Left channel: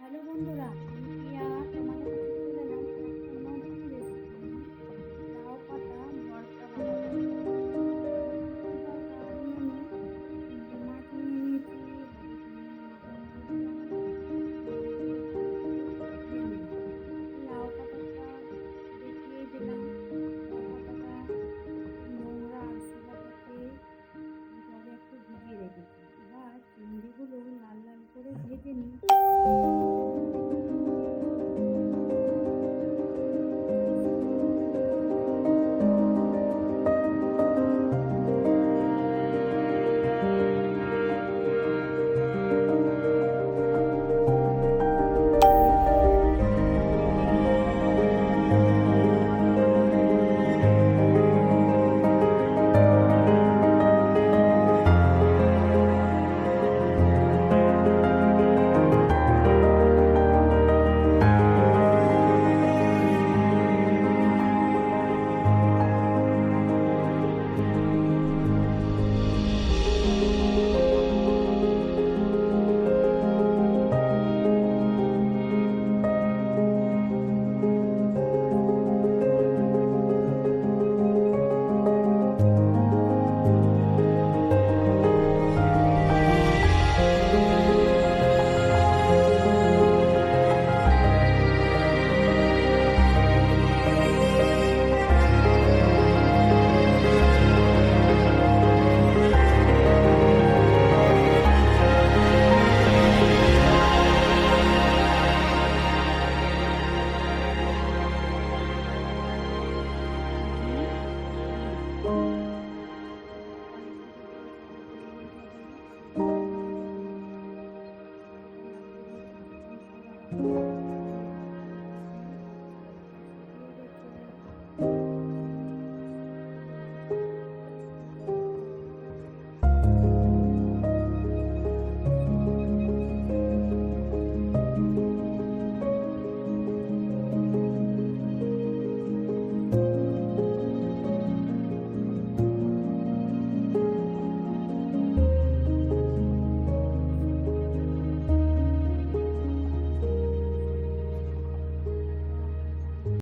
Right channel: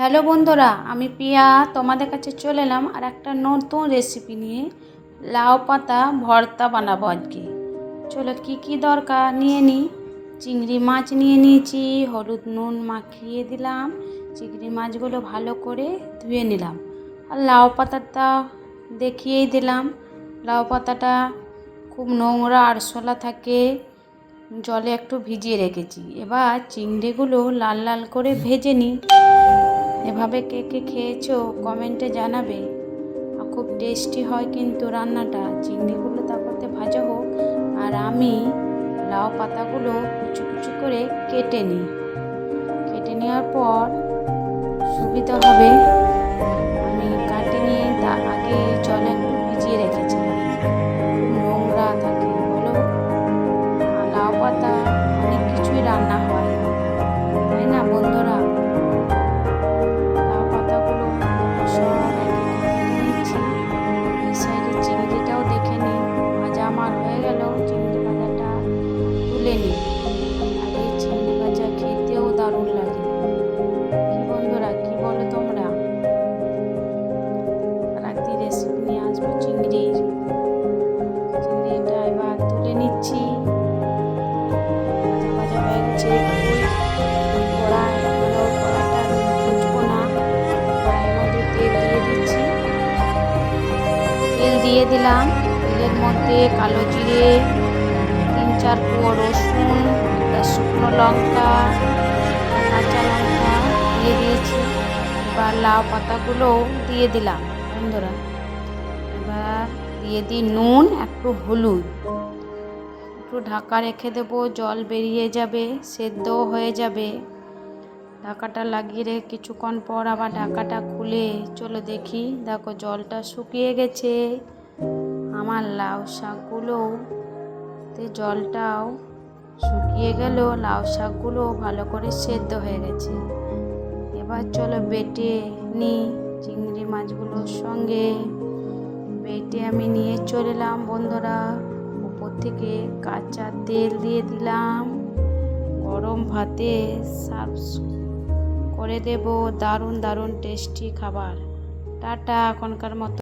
Hello বন্ধুরা, আমি পিয়া তোমাদের কাছে চলে এলাম আর একটা নতুন রেসিপি নিয়ে। লাউ পাতা ভর্তা বানাবো আজকে। চলো কি কি দরকার নিয়ে নিই। চিংড়ি মাছ নিয়ে নিয়েছি, হলুদ নুন মাখিয়ে দিলাম। চিংড়ি মাছগুলো ভালো করে ধুয়ে নিলাম। আর লাউ পাতাটা দেখিয়েই দিলাম। লাউ পাতাটা খুব নোংরা আরশোলা থাকে, জলে একটু ভিজিয়ে রেখেছি। এবার চিংড়িগুলো লাল লাল করে ভেজে নিই। এভাবে কে কে খেয়েছো কমেন্টে জানাবে। খুব টেস্টি হয় কিন্তু রান্নাটা। চিংড়িগুলো তারপরে ভাজা হোক আর আমি লাউ পাতাগুলো কুচি কুচি করে কেটে নিই। কেটে নেওয়ার পর সুবিধা হবে, আমি কাটি নিয়ে আগে জলে একটু ভিজিয়ে রেখেছি, নোংরা থাকে বলো। লাউ পাতা অনেক কিছুই রান্না হয়, তাই না বন্ধুরা? চিংড়িটাও দেখে নিই, ভাজা আমার হয়ে গেল। চিংড়ি ভাজাটা তুলে নিই। আর এই চিংড়ি ভাজা খেতেও দারুণ লাগে। বন্ধুরা কি বলো তোমরা? রাতে রেসিপি নিয়ে আসবো চিংড়িটা এবার তুলে নিচ্ছি। ভাজা হয়ে গেছে। দিয়ে দিলাম। তেলের মধ্যে কালো জিরে, 3-4 কোয়া রসুন, শুকনো লঙ্কা, কাঁচা লঙ্কা দিয়ে দিয়েছি। এবার লাউ পাতাগুলো দিয়ে দিলাম বন্ধুরা। এবার দিয়ে দিই নুন, একটু হলুদ, একটু ঢাকা রেখে দেবো। জল বেরিয়ে যাবে, সেদ্ধও হয়ে যাবে। ঢাকাটা লাগিয়ে রেখে কিছুক্ষণ পর আবার ঢাকাটা খুলে চলো দেখি। দেখো জলটা শুকিয়ে গেছে। আমার লাউ শাকগুলো জলটাও শুকিয়ে গেল, লাউ শাকগুলো ভালো করে সেদ্ধ হয়ে গেছে। এবার চলো বেটে নিই চিংড়ি মাছগুলোর সঙ্গে। বেটে আমি নিয়ে চলে এলাম বন্ধুরা। উপর থেকে কাঁচা তেল দিয়ে দিলাম। গরম ভাতে সার্ভ করে দেব। দারুণ দারুণ টেস্টি খাবার। টাটা এখনকার মতো।